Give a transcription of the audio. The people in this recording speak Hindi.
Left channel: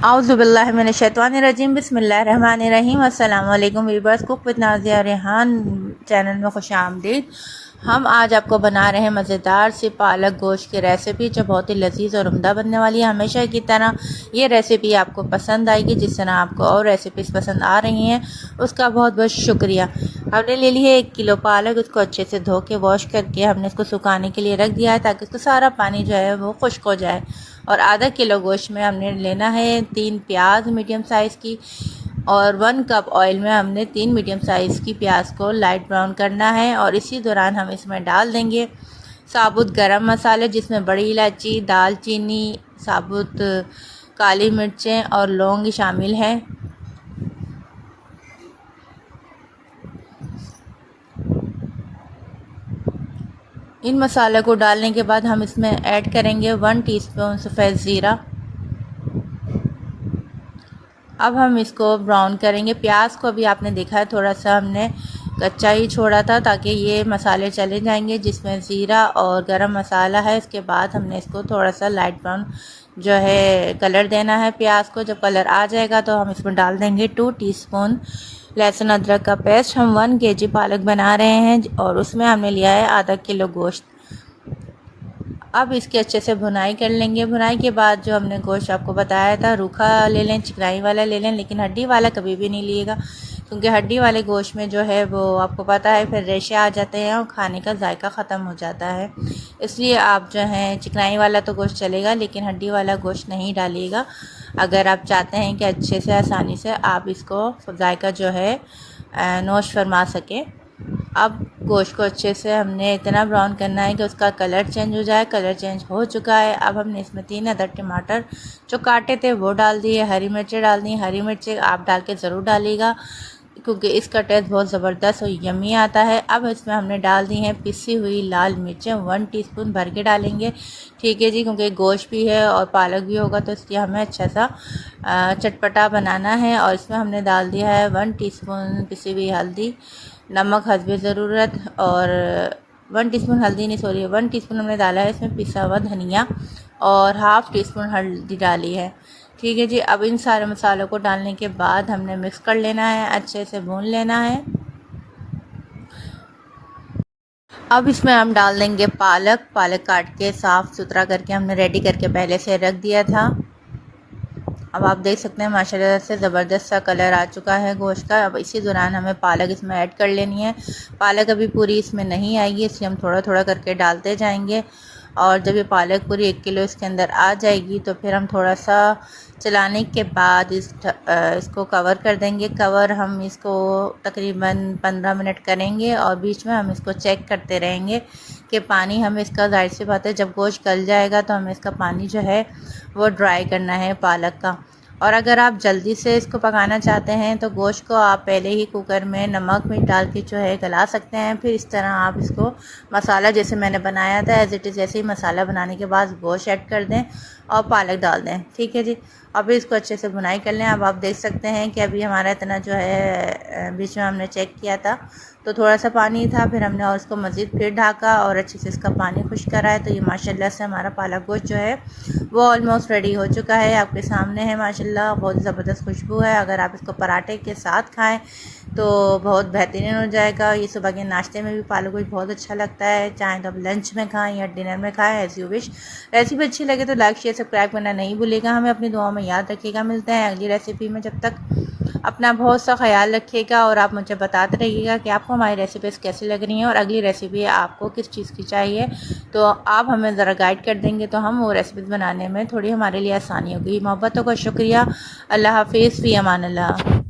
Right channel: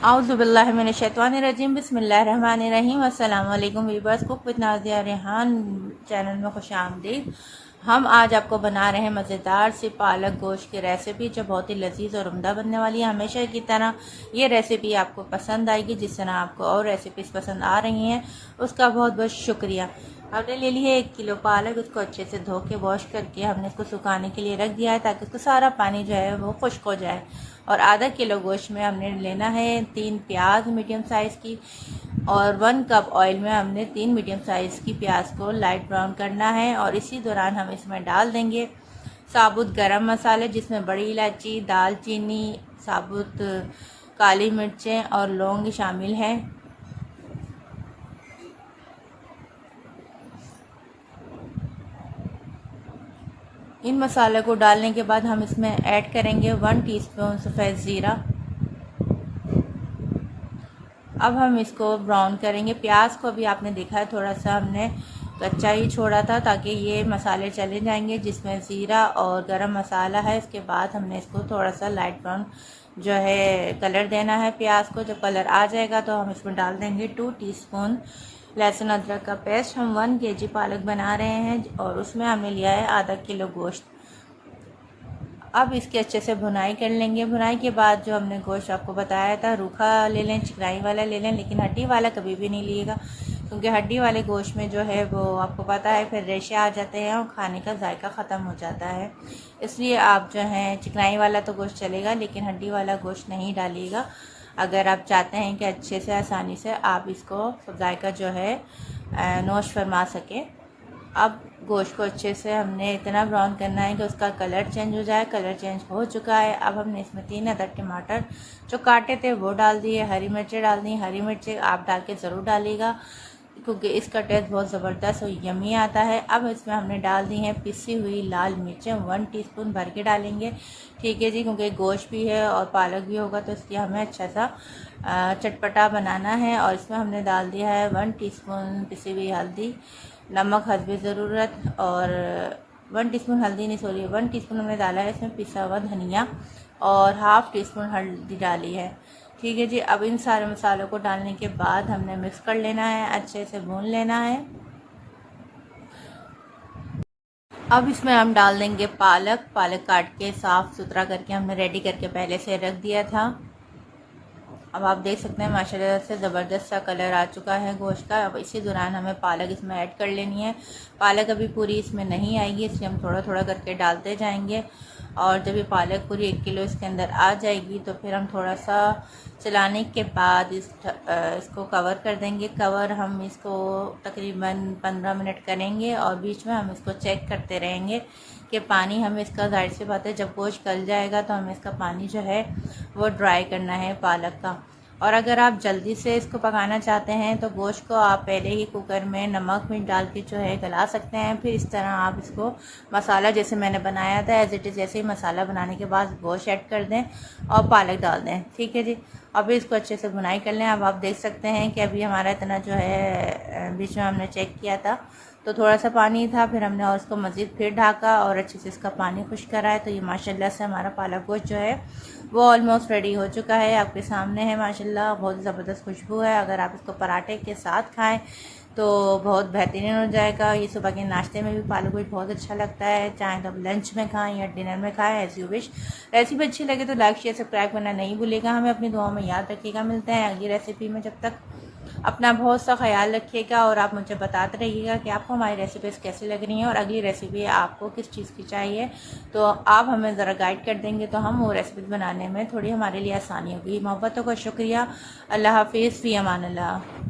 औज़ुबिल्लाहिमिनश्शैतानिर्रजीम बिस्मिल्लाहिर्रहमानिर्रहीम। अस्सलाम वालेकुम viewers, cook with Nazia Rehan channel में खुश आमदीद। हम आज आपको बना रहे हैं मज़ेदार सी पालक गोश्त की रेसिपी, जो बहुत ही लजीज और उम्दा बनने वाली है। हमेशा की तरह ये रेसिपी आपको पसंद आएगी। जिस तरह आपको और रेसिपीज़ पसंद आ रही हैं उसका बहुत बहुत शुक्रिया। हमने ले ली है 1 किलो पालक। उसको अच्छे से धो के वॉश करके हमने इसको सुखाने के लिए रख दिया है, ताकि उसका सारा पानी जो है वो खुश्क हो जाए। और आधा किलो गोश्त में हमने लेना है 3 प्याज मीडियम साइज़ की, और 1 कप ऑयल में हमने 3 मीडियम साइज़ की प्याज को लाइट ब्राउन करना है। और इसी दौरान हम इसमें डाल देंगे साबुत गरम मसाले, जिसमें बड़ी इलायची, दालचीनी, साबुत काली मिर्चें और लौंग शामिल हैं। इन मसालों को डालने के बाद हम इसमें ऐड करेंगे 1 टीस्पून सफ़ेद ज़ीरा। अब हम इसको ब्राउन करेंगे। प्याज को अभी आपने देखा है थोड़ा सा हमने कच्चा ही छोड़ा था, ताकि ये मसाले चले जाएंगे जिसमें ज़ीरा और गरम मसाला है। इसके बाद हमने इसको थोड़ा सा लाइट ब्राउन जो है कलर देना है प्याज को। जब कलर आ जाएगा तो हम इसमें डाल देंगे 2 टीस्पून लहसुन अदरक का पेस्ट। हम 1 केजी पालक बना रहे हैं और उसमें हमने लिया है आधा किलो गोश्त। अब इसके अच्छे से भुनाई कर लेंगे। भुनाई के बाद जो हमने गोश्त आपको बताया था, रूखा ले लें, चिकनाई वाला ले लें, लेकिन हड्डी वाला कभी भी नहीं लिएगा, क्योंकि हड्डी वाले गोश्त में जो है वो आपको पता है फिर रेशे आ जाते हैं और खाने का जायका ख़त्म हो जाता है। इसलिए आप जो है चिकनाई वाला तो गोश्त चलेगा, लेकिन हड्डी वाला गोश्त नहीं डालिएगा, अगर आप चाहते हैं कि अच्छे से आसानी से आप इसको जायका जो है नोश फरमा सकें। अब गोश्त को अच्छे से हमने इतना ब्राउन करना है कि उसका कलर चेंज हो जाए। कलर चेंज हो चुका है। अब हमने इसमें 3 अदद टमाटर जो काटे थे वो डाल दिए। हरी मिर्चें डाल दी। हरी मिर्चें आप डाल के ज़रूर डालिएगा, क्योंकि इसका टेस्ट बहुत ज़बरदस्त और यमी आता है। अब इसमें हमने डाल दी हैं पिसी हुई लाल मिर्चें, 1 टीस्पून भर के डालेंगे। ठीक है जी, क्योंकि गोश्त भी है और पालक भी होगा, तो इसलिए हमें अच्छा सा चटपटा बनाना है। और इसमें हमने डाल दिया है 1 टीस्पून पिसी हुई हल्दी, नमक हस्बे ज़रूरत, और 1 टीस्पून हल्दी नहीं, सॉरी 1 टीस्पून हमने डाला है इसमें पिसा हुआ धनिया, और हाफ़ टीस्पून हल्दी डाली है। ठीक है जी। अब इन सारे मसालों को डालने के बाद हमने मिक्स कर लेना है, अच्छे से भून लेना है। अब इसमें हम डाल देंगे पालक। पालक काट के साफ़ सुथरा करके हमने रेडी करके पहले से रख दिया था। अब आप देख सकते हैं माशाल्लाह से ज़बरदस्त सा कलर आ चुका है गोश्त का। अब इसी दौरान हमें पालक इसमें ऐड कर लेनी है। पालक अभी पूरी इसमें नहीं आएगी, इसलिए हम थोड़ा थोड़ा करके डालते जाएंगे। और जब ये पालक पूरी 1 किलो इसके अंदर आ जाएगी तो फिर हम थोड़ा सा चलाने के बाद इसको कवर कर देंगे। कवर हम इसको तकरीबन 15 मिनट करेंगे, और बीच में हम इसको चेक करते रहेंगे कि पानी हमें इसका, जाहिर सी बात है जब गोश्त गल जाएगा तो हमें इसका पानी जो है वो ड्राई करना है पालक का। और अगर आप जल्दी से इसको पकाना चाहते हैं तो गोश्त को आप पहले ही कुकर में नमक मिर्च डाल के जो है गला सकते हैं। फिर इस तरह आप इसको मसाला जैसे मैंने बनाया था एज़ इट इज़ जैसे ही मसाला बनाने के बाद गोश्त ऐड कर दें और पालक डाल दें। ठीक है जी। अब इसको अच्छे से भुनाई कर लें। अब आप देख सकते हैं कि अभी हमारा इतना जो है, बीच में हमने चेक किया था तो थोड़ा सा पानी था, फिर हमने और इसको मज़ीद फिर ढाका और अच्छे से इसका पानी खुश्क करा है। तो ये माशाल्लाह से हमारा पालक गोश्त जो है वो ऑलमोस्ट रेडी हो चुका है। आपके सामने है माशाल्लाह, बहुत ज़बरदस्त खुशबू है। अगर आप इसको पराठे के साथ खाएं तो बहुत बेहतरीन हो जाएगा। ये सुबह के नाश्ते में भी पालक गोश्त बहुत अच्छा लगता है, चाहे तो आप लंच में खाएं या डिनर में खाएं, एज़ यू विश। रेसिपी अच्छी लगे तो लाइक शेयर सब्सक्राइब करना नहीं भूलिएगा। हमें अपनी दुआओं में याद रखिएगा। मिलते हैं अगली रेसिपी में। जब तक अपना बहुत सा ख्याल रखिएगा, और आप मुझे बताते रहिएगा कि आपको हमारी रेसिपीज़ कैसी लग रही हैं और अगली रेसिपी आपको किस चीज़ की चाहिए। तो आप हमें ज़रा गाइड कर देंगे तो हम वो रेसिपीज़ बनाने में थोड़ी हमारे लिए आसानी होगी। मोहब्बतों का शुक्रिया। अल्लाह हाफिज़, फ़ी अमान अल्लाह।